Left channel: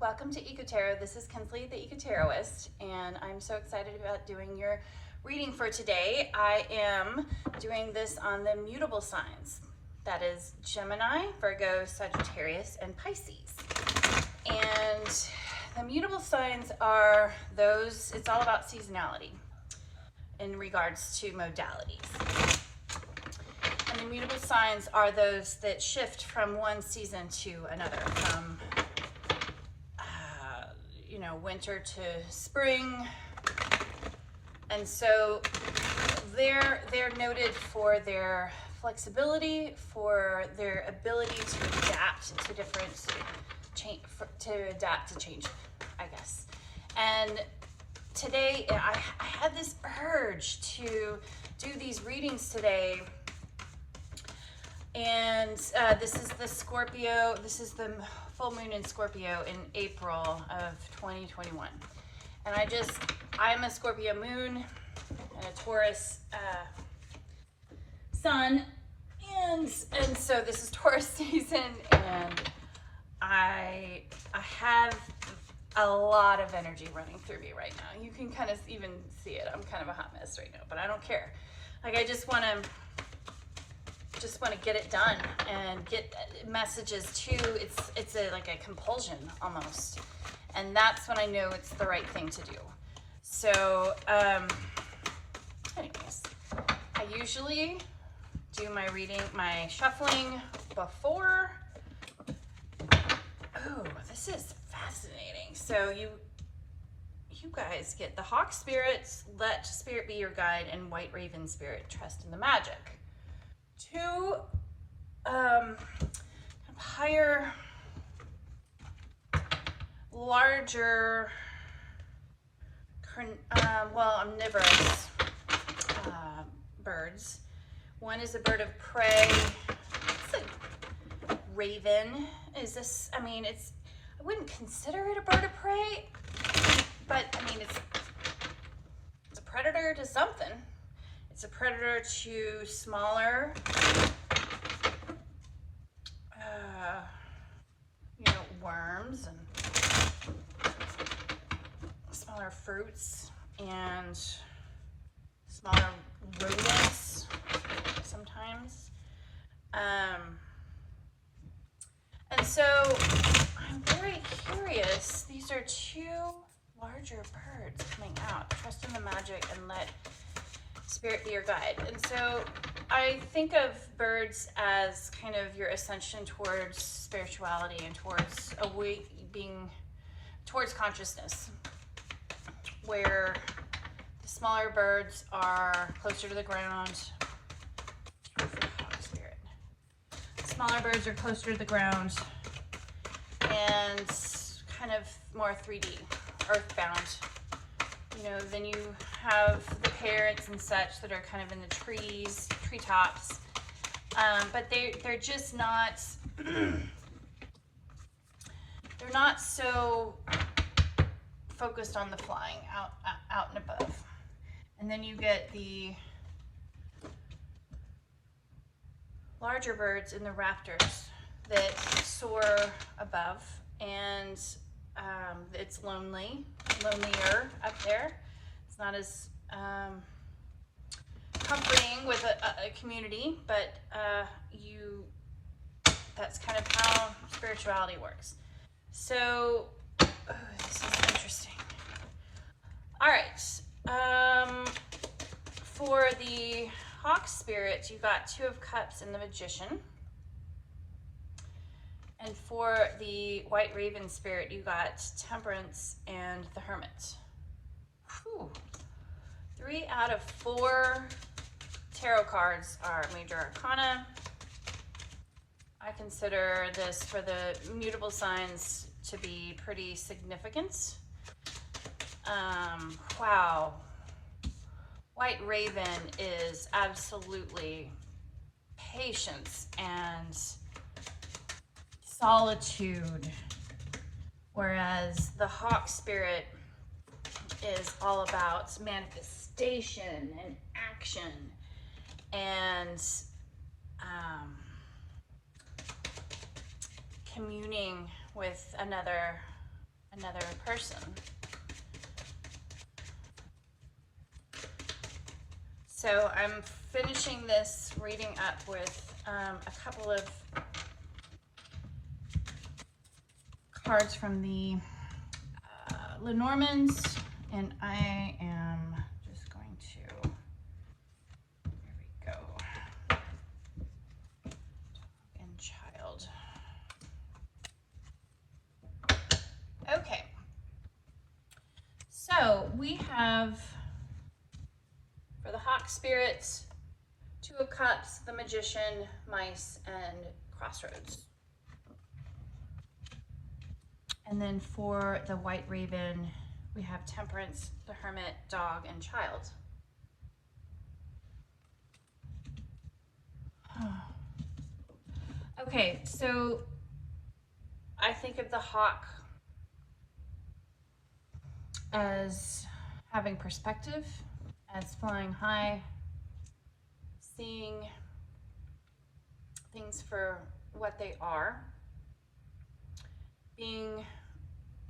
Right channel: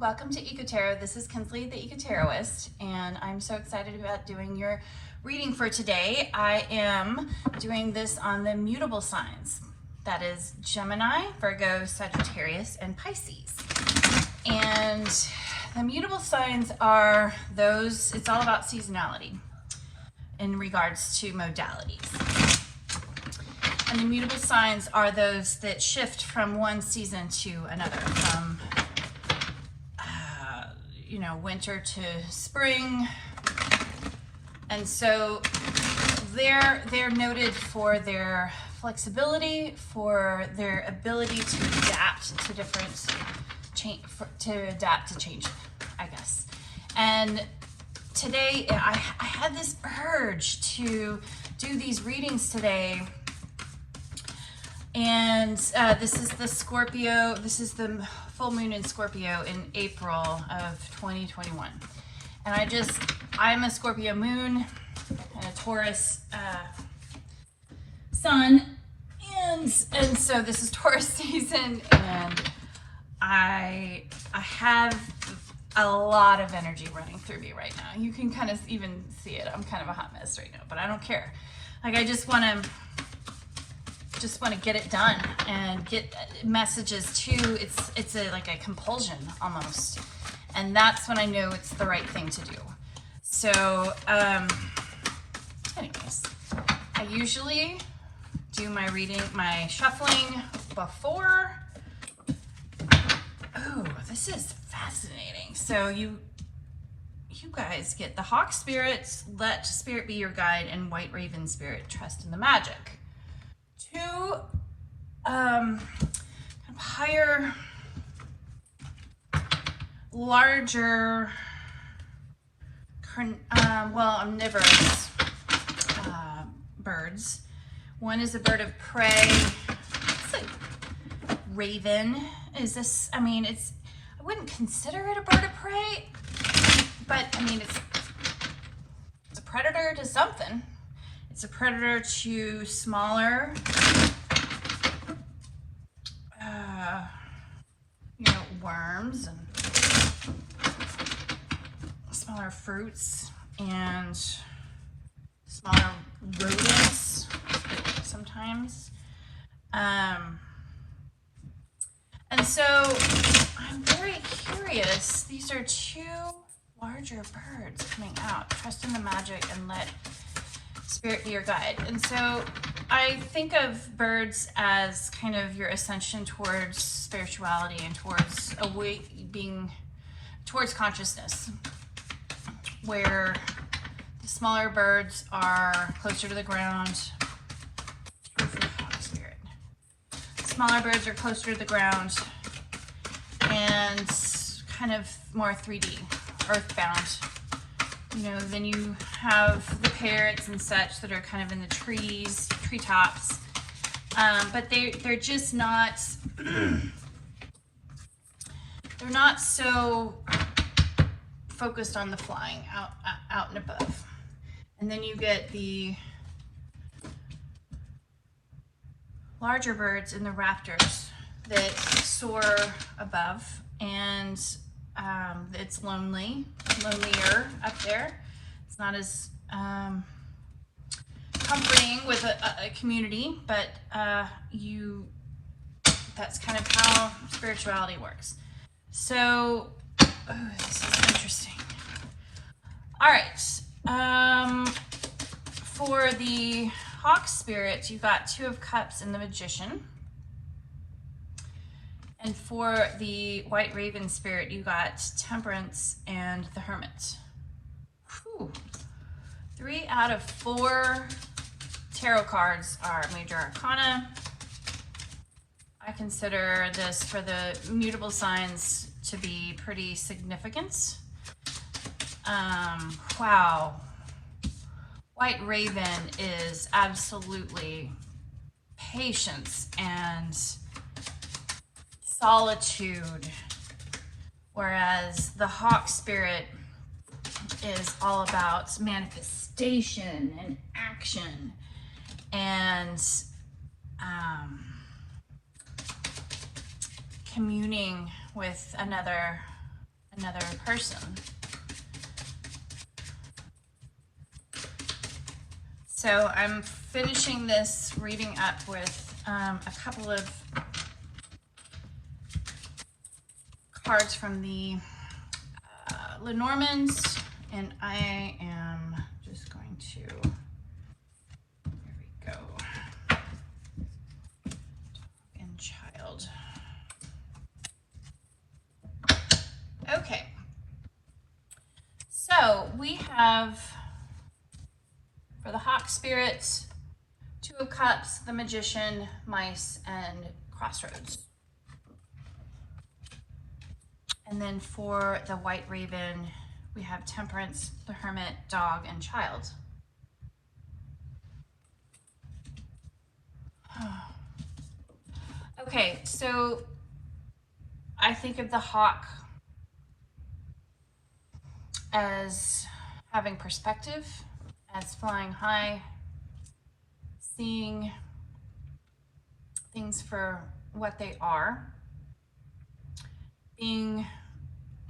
welcome to Eco Tarot. This is Kensley, the Eco Tarotist, and I'm so excited about doing your reading for today. I am doing this on the mutable signs. That is Gemini, Virgo, Sagittarius, and Pisces. And the mutable signs are those, it's all about seasonality in regards to modalities. And the mutable signs are those that shift from one season to another, from winter to spring. And so they're noted for their flexibility, for their ability to adapt to different change, I guess. And today I had this urge to do these readings today. And this is the Scorpio, this is the full moon in Scorpio in April of 2021. And I'm a Scorpio moon and a Taurus sun. And so this is Taurus season, and I have a lot of energy running through me right now. You can kind of even see it. I'm kind of a hot mess right now, but I don't care. Like, I just want to get it done and get messages too. It's like a compulsion almost, and that's when I know it's the right thing to do. So anyways, I usually do my shuffling before. Oh, this is fascinating. So you guys get the Hawk Spirit, let Spirit be your guide, and White Raven Spirit, trust in the magic. Two kind of higher, larger, omnivorous birds. One is a bird of prey. It's like raven. Is this? I mean, I wouldn't consider it a bird of prey, but I mean, it's a predator to something. It's a predator to smaller, worms and smaller fruits and smaller rodents sometimes. And so I'm very curious. These are two larger birds coming out. Trust in the magic and let Spirit be your guide. And so I think of birds as kind of your ascension towards spirituality and towards towards consciousness, where the smaller birds are closer to the ground. Spirit. Smaller birds are closer to the ground and kind of more 3D, earthbound. Then you have the parrots and such that are kind of in the treetops, but they're just not, they're not so focused on the flying out and above. And then you get the larger birds and the raptors that soar above, and it's lonelier up there. It's not as comforting with a community, but that's kind of how spirituality works. So, this is interesting. All right, for the Hawk Spirit, you got Two of Cups and the Magician. And for the White Raven Spirit, you got Temperance and the Hermit. Whew. 3 out of 4 tarot cards are major arcana. I consider this for the mutable signs to be pretty significant. Wow. White Raven is absolutely patience and solitude, whereas the Hawk Spirit is all about manifestation and action and communing with another another person. So I'm finishing this reading up with a couple of cards from the Lenormands, and I am just going to, here we go, and child. Okay, so we have, for the Hawk Spirit, Two of Cups, the Magician, Mice, and Crossroads. And then for the White Raven, we have Temperance, the Hermit, Dog, and Child. Okay, so I think of the Hawk as having perspective, as flying high, seeing things for what they are, being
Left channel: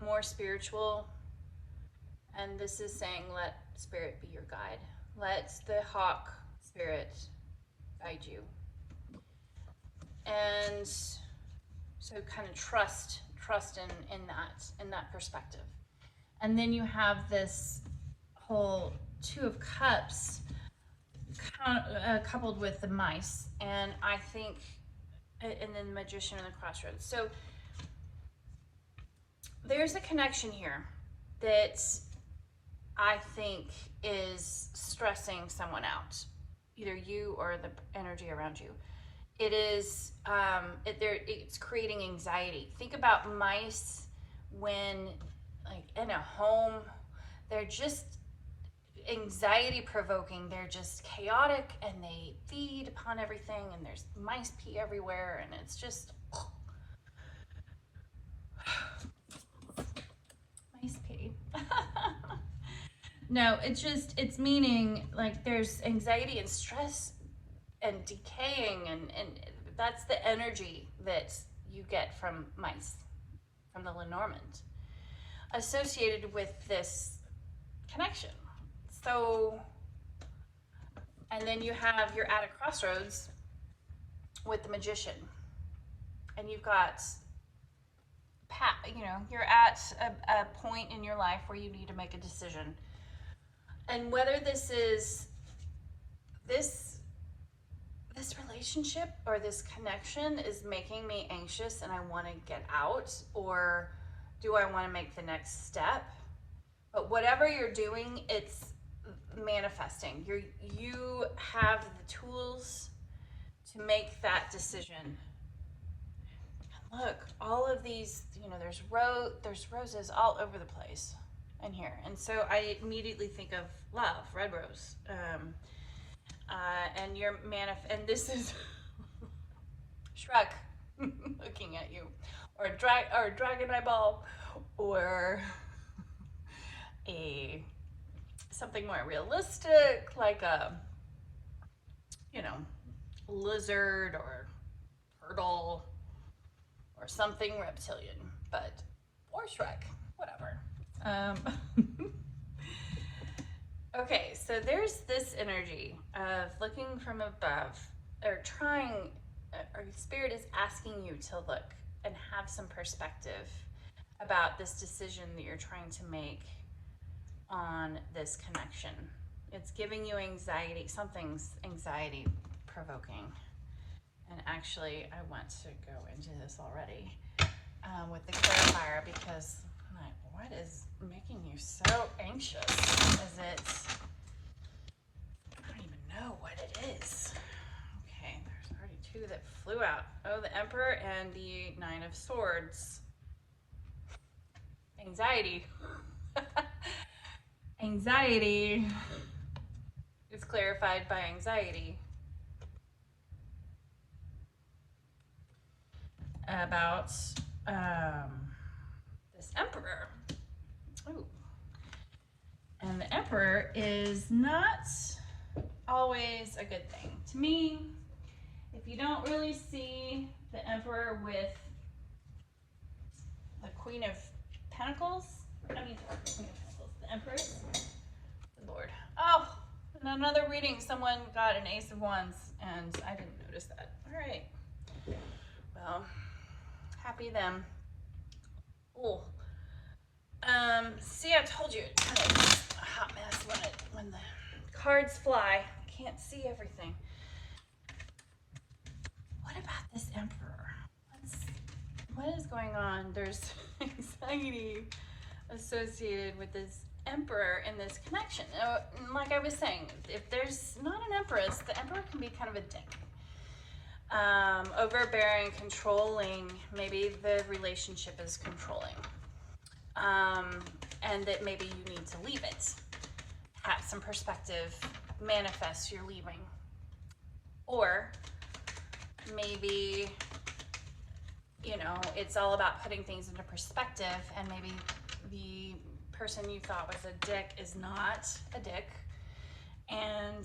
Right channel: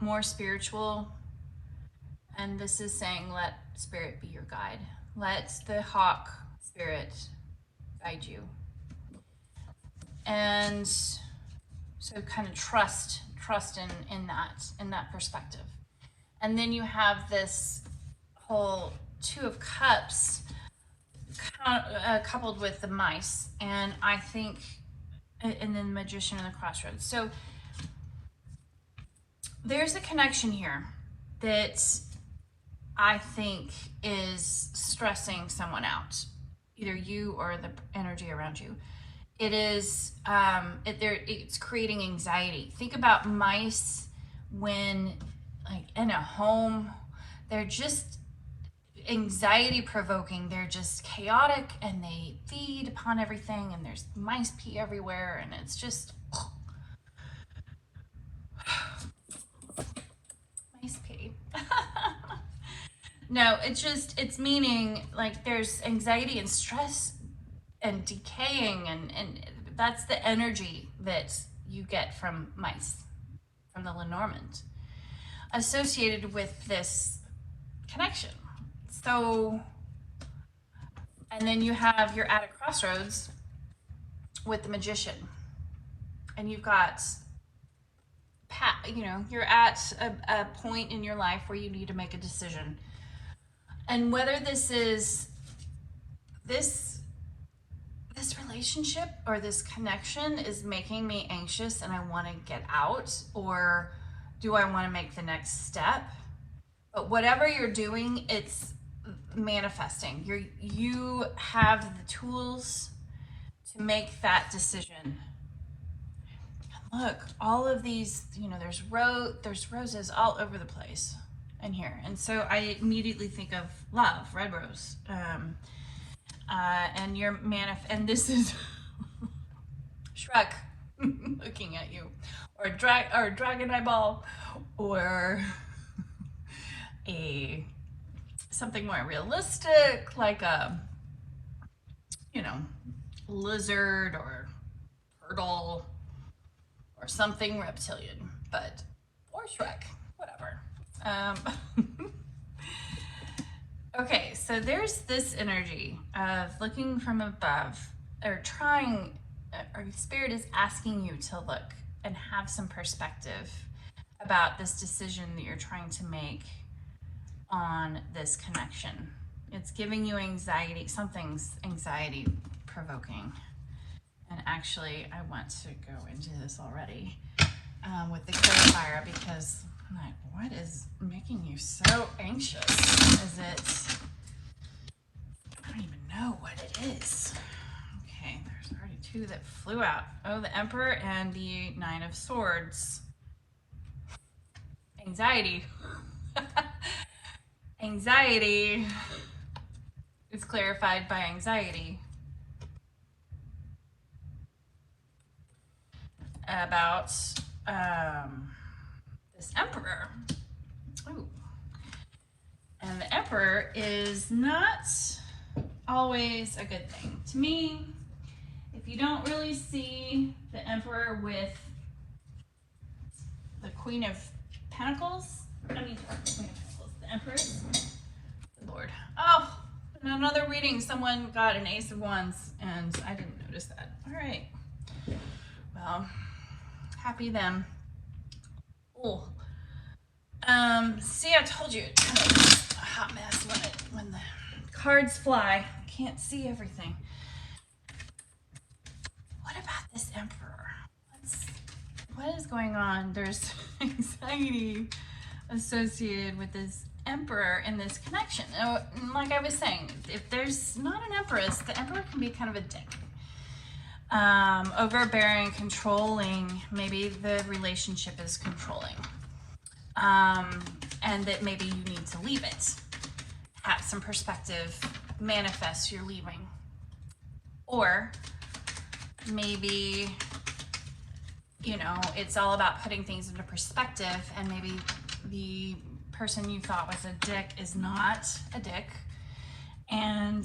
more spiritual, and this is saying let spirit be your guide. Let the Hawk Spirit guide you. And so kind of trust in that perspective. And then you have this whole Two of Cups coupled with the Mice, and I think, and then Magician and the Crossroads. So there's a connection here that I think is stressing someone out, either you or the energy around you. It is, it's creating anxiety. Think about mice when, like, in a home, they're just anxiety provoking. They're just chaotic, and they feed upon everything, and there's mice pee everywhere, and it's just mice pee. No, it's meaning like there's anxiety and stress and decaying, and that's the energy that you get from mice, from the Lenormand, associated with this connection. So, and then you're at a crossroads with the Magician, and you've got, you're at a point in your life where you need to make a decision. And whether this is this relationship or this connection is making me anxious and I want to get out, or do I want to make the next step? But whatever you're doing, it's manifesting. You have the tools to make that decision. And look, all of these, there's roses all over the place in here. And so I immediately think of love, red rose. And and this is Shrek looking at you, or dragon eyeball, or something more realistic, like a lizard or turtle or something reptilian, or Shrek, whatever. Okay, so there's this energy of looking from above, or Spirit is asking you to look and have some perspective about this decision that you're trying to make on this connection. It's giving you anxiety, something's anxiety provoking. And actually, I want to go into this already with the clarifier, because I'm like, what is making you so anxious? Is it, I don't even know what it is. Okay, there's already two that flew out. Oh, the Emperor and the Nine of Swords. Anxiety. Anxiety is clarified by anxiety about this Emperor. Oh. And the Emperor is not always a good thing. To me, if you don't really see the Emperor with the Queen of Pentacles. I mean, the Empress. Lord. Oh, in another reading, someone got an Ace of Wands, and I didn't notice that. All right. Well, happy them. Oh. See, I told you it's kind of a hot mess when the cards fly. I can't see everything. What about this Emperor? What is going on? There's anxiety associated with this Emperor in this connection. Like I was saying, if there's not an Empress, the Emperor can be kind of a dick. Overbearing, controlling. Maybe the relationship is controlling. And that maybe you need to leave it. Have some perspective, manifest you're leaving. Or maybe, you know, it's all about putting things into perspective, and maybe the person you thought was a dick is not a dick, and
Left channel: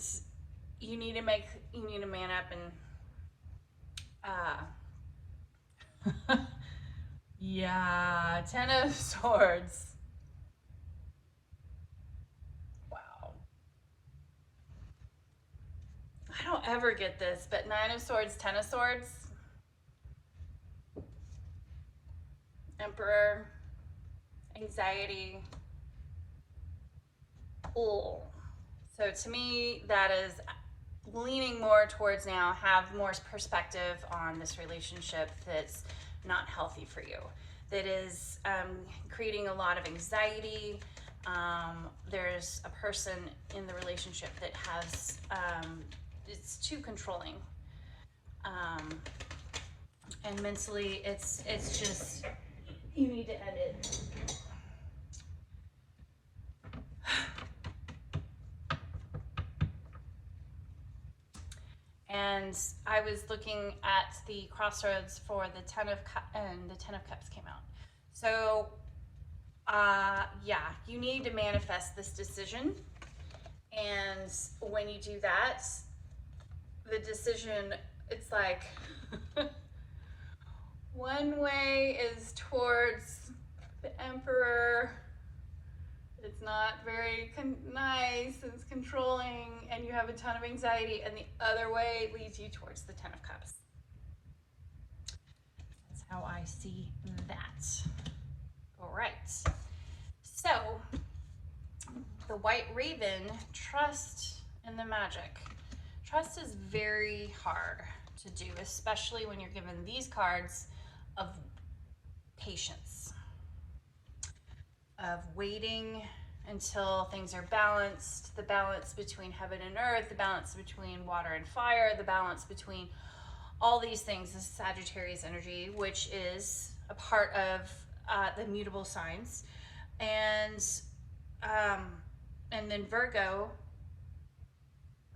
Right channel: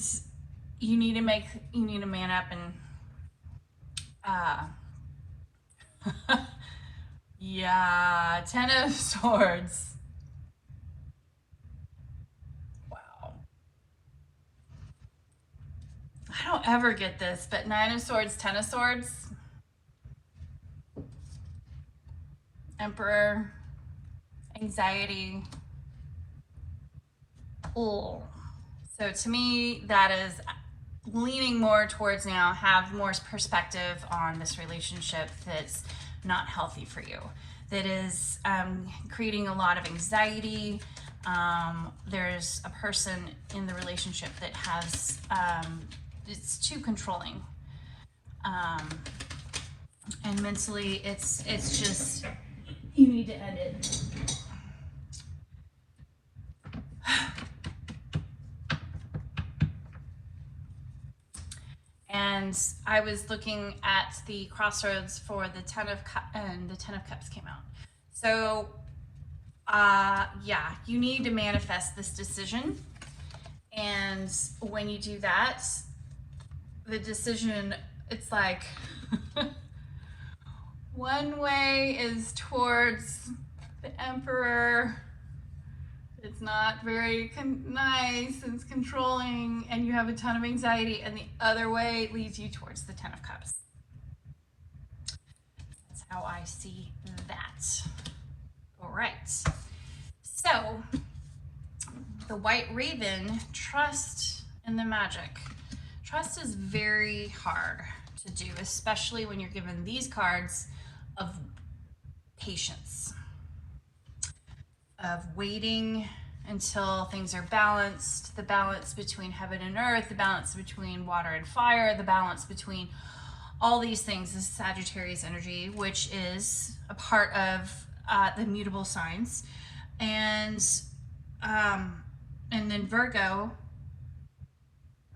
you need to man up and yeah, Ten of Swords. Wow. I don't ever get this, but Nine of Swords, Ten of Swords. Emperor. Anxiety. Ooh. So to me, that is leaning more towards now, have more perspective on this relationship that's not healthy for you, that is creating a lot of anxiety. There's a person in the relationship that has, it's too controlling. And mentally, it's just, you need to end it. And I was looking at the crossroads for the Ten of Cups, and the Ten of Cups came out. So, yeah, you need to manifest this decision. And when you do that, the decision, it's like, one way is towards the Emperor. It's not very nice, it's controlling, and you have a ton of anxiety, and the other way leads you towards the Ten of Cups. That's how I see that. All right. So, the White Raven, trust in the magic. Trust is very hard to do, especially when you're given these cards of patience, of waiting until things are balanced, the balance between heaven and earth, the balance between water and fire, the balance between all these things is Sagittarius energy, which is a part of the mutable signs. And then Virgo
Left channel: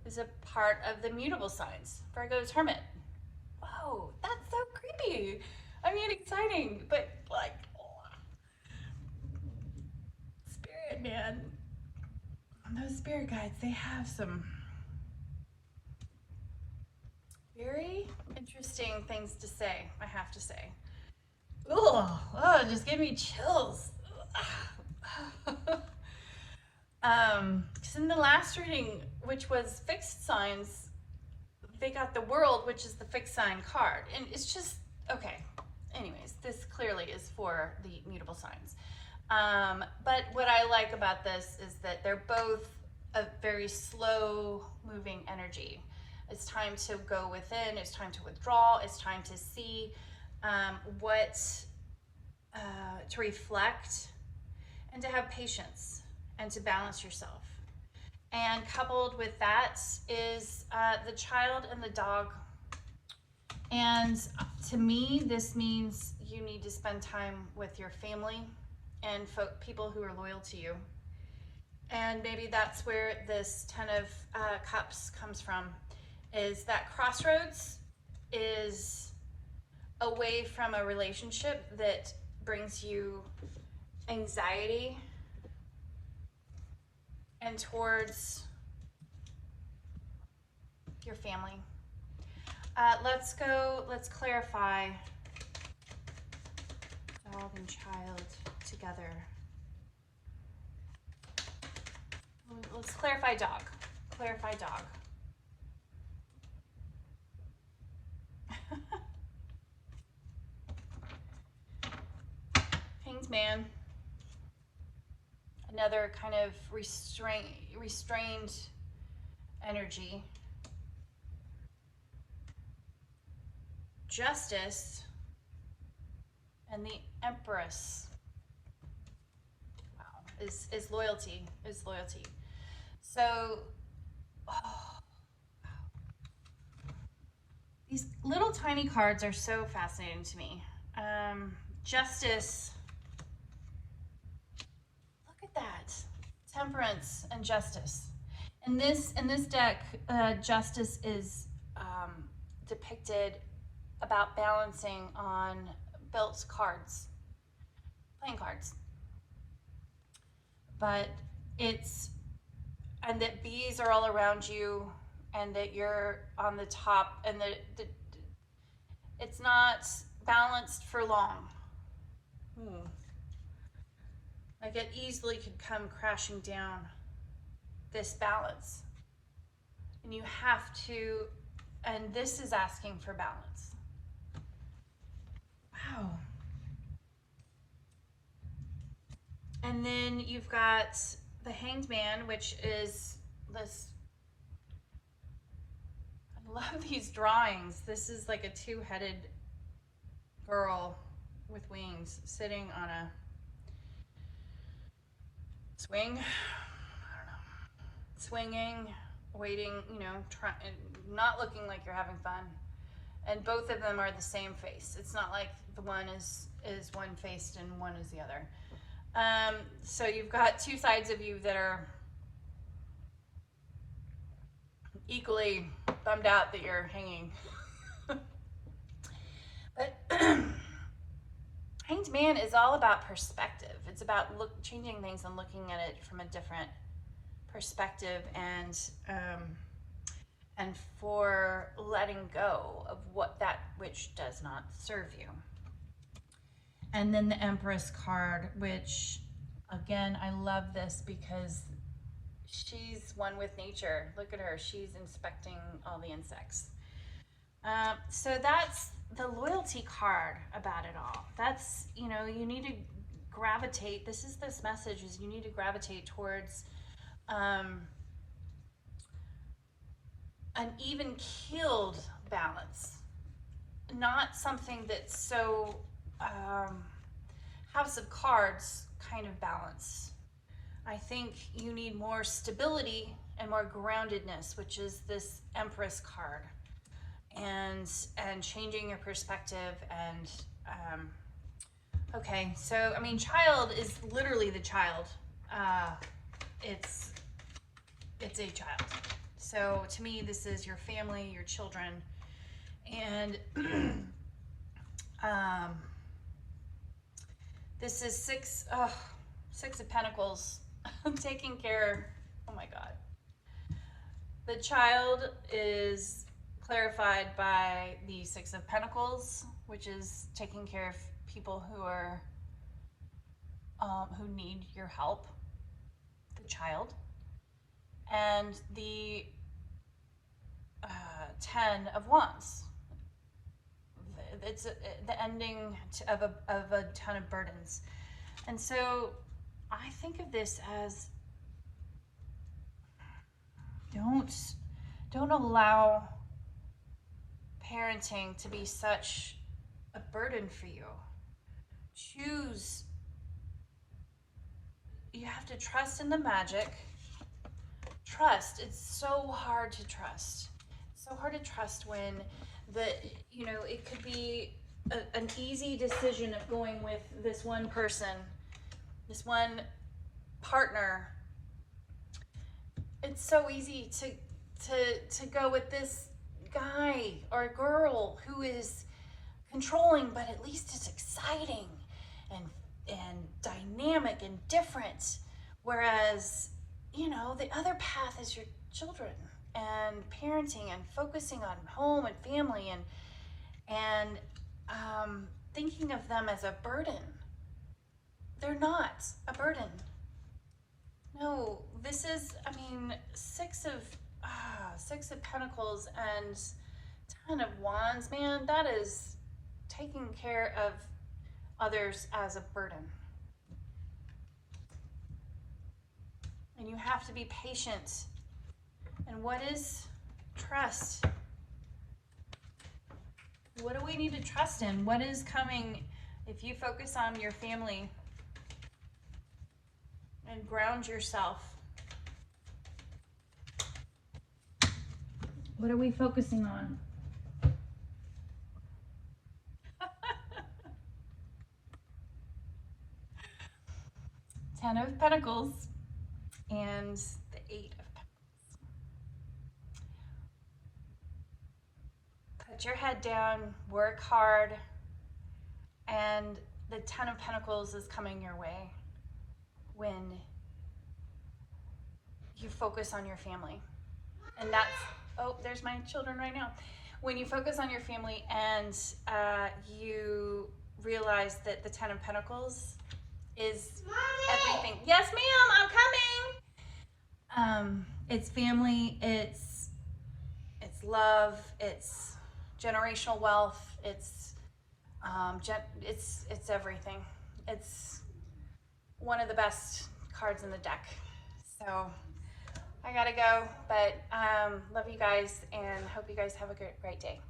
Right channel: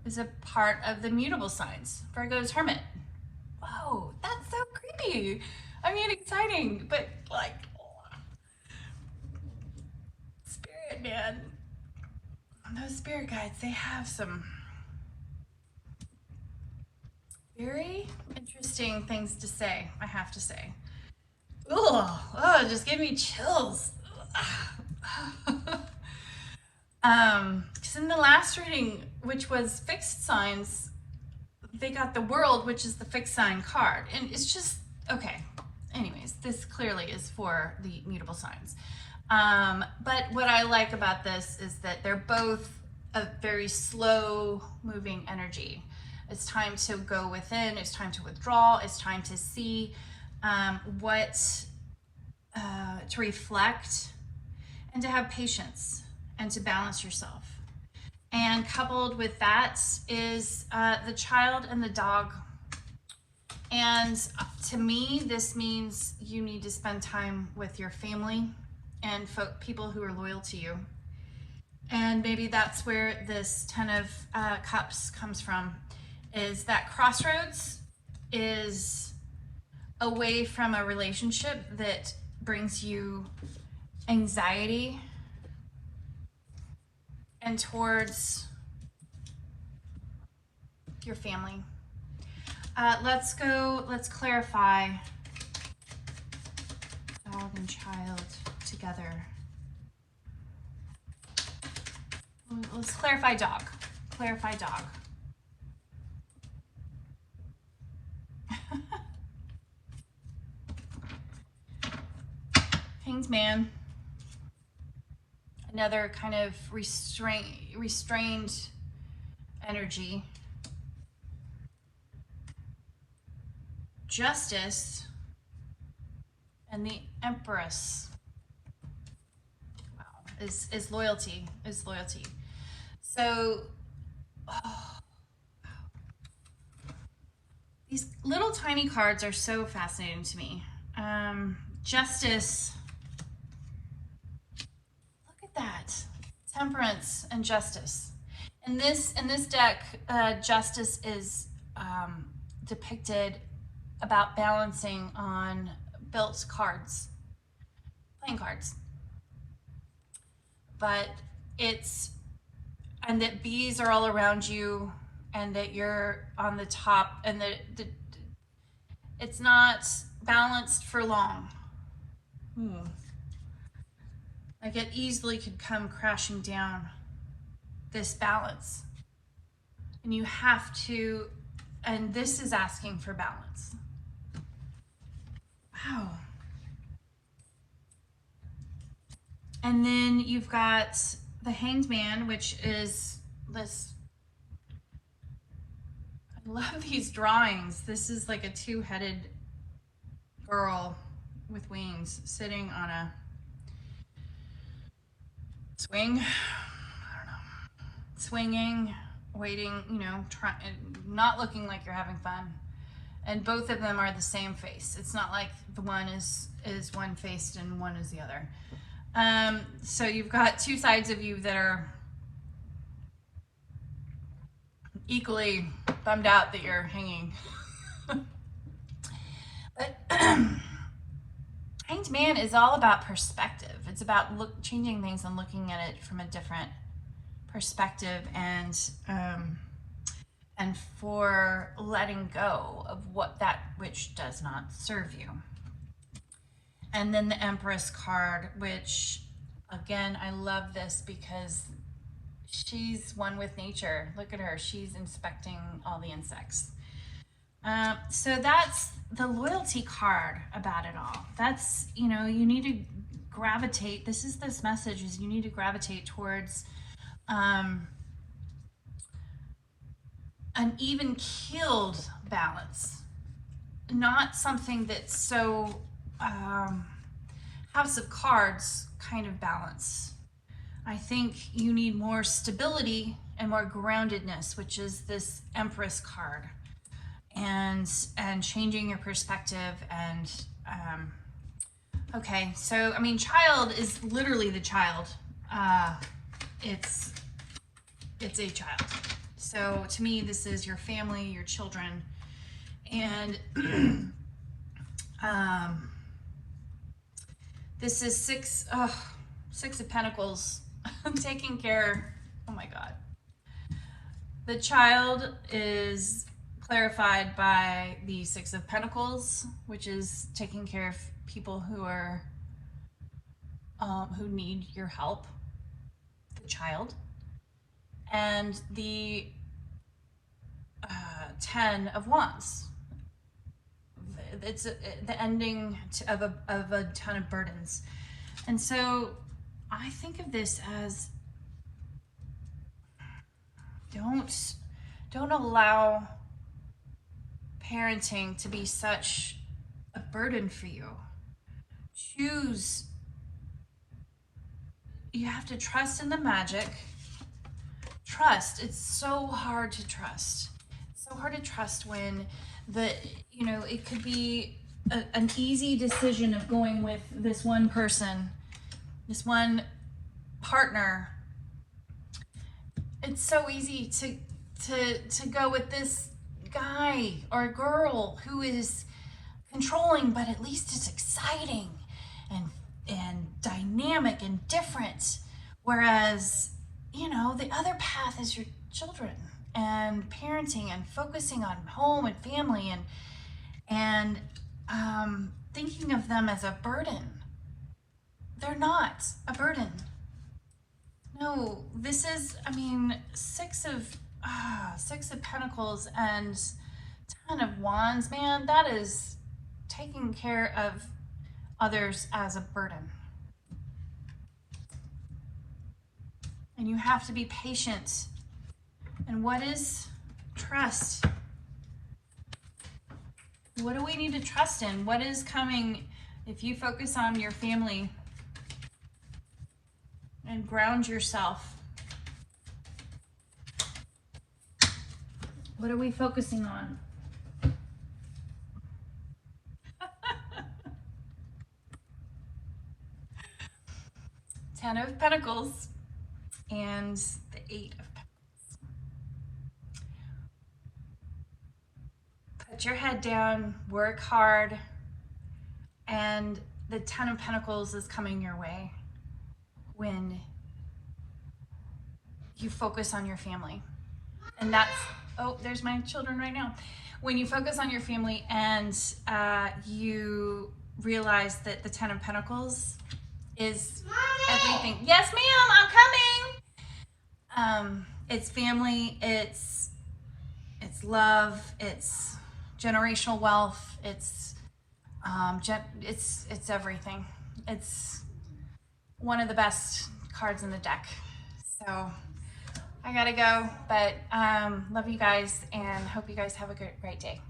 is a part of the mutable signs. Virgo is Hermit. Whoa, that's so creepy. I mean, exciting, but like, spirit, man. Those spirit guides, they have some very interesting things to say, I have to say. Oh, it just gave me chills. Because in the last reading, which was fixed signs, they got the World, which is the fixed sign card. And it's just, okay. Anyways, this clearly is for the mutable signs. But what I like about this is that they're both a very slow moving energy. It's time to go within, it's time to withdraw, it's time to see to reflect and to have patience and to balance yourself. And coupled with that is the child and the dog. And to me, this means you need to spend time with your family and people who are loyal to you. And maybe that's where this Ten of Cups comes from, is that crossroads is away from a relationship that brings you anxiety and towards your family. Let's clarify dog and child together. together. Let's clarify dog. Clarify dog. Hanged Man. Another kind of restrained energy. Justice. And the Empress. Wow. Is loyalty. Is loyalty. So, these little tiny cards are so fascinating to me. Justice. Look at that. Temperance and justice. In this deck, justice is depicted about balancing on built cards, playing cards. But and that bees are all around you, and that you're on the top, and that it's not balanced for long. Like it easily could come crashing down, this balance. And you have to, and this is asking for balance. Wow. And then you've got the Hanged Man, which is this, I love these drawings. This is like a two-headed girl with wings sitting on a swing, I don't know, swinging, waiting, you know, not looking like you're having fun. And both of them are the same face. It's not like the one is one-faced and one is the other. So you've got two sides of you that are equally bummed out that you're hanging. But Hanged Man is all about perspective. It's about changing things and looking at it from a different perspective, and for letting go of that which does not serve you. And then the Empress card, which, again, I love this because she's one with nature. Look at her. She's inspecting all the insects. So that's the loyalty card about it all. That's, you know, you need to gravitate. This message is you need to gravitate towards an even-keeled balance. Not something that's so House of Cards kind of balance. I think you need more stability and more groundedness, which is this Empress card, and changing your perspective. And okay, so I mean, child is literally the child. It's a child. So to me, this is your family, your children, and this is Six of Pentacles. Taking care. Oh my God. The child is clarified by the Six of Pentacles, which is taking care of people who are who need your help. The child, and the 10 of Wands. It's the ending of a ton of burdens. And so I think of this as don't allow parenting to be such a burden for you. Choose. You have to trust in the magic. Trust. It's so hard to trust. It's so hard to trust when it could be an easy decision of going with this one person, this one partner. It's so easy to go with this guy or girl who is controlling, but at least is exciting and dynamic and different. Whereas, the other path is your children and parenting and focusing on home and family and thinking of them as a burden. they're not a burden. No, this is, I mean, Six of Pentacles and 10 of Wands, man, that is taking care of others as a burden. And you have to be patient. And what is trust? What do we need to trust in? What is coming if you focus on your family and ground yourself? What are we focusing on? Ten of Pentacles and the Eight of Pentacles. Put your head down, work hard, and the Ten of Pentacles is coming your way when you focus on your family. And that's, oh, there's my children right now. When you focus on your family and you realize that the Ten of Pentacles is everything. Yes, ma'am, I'm coming. It's family, it's love, it's generational wealth, it's everything. It's one of the best cards in the deck. So I gotta go, but love you guys and hope you guys have a great day.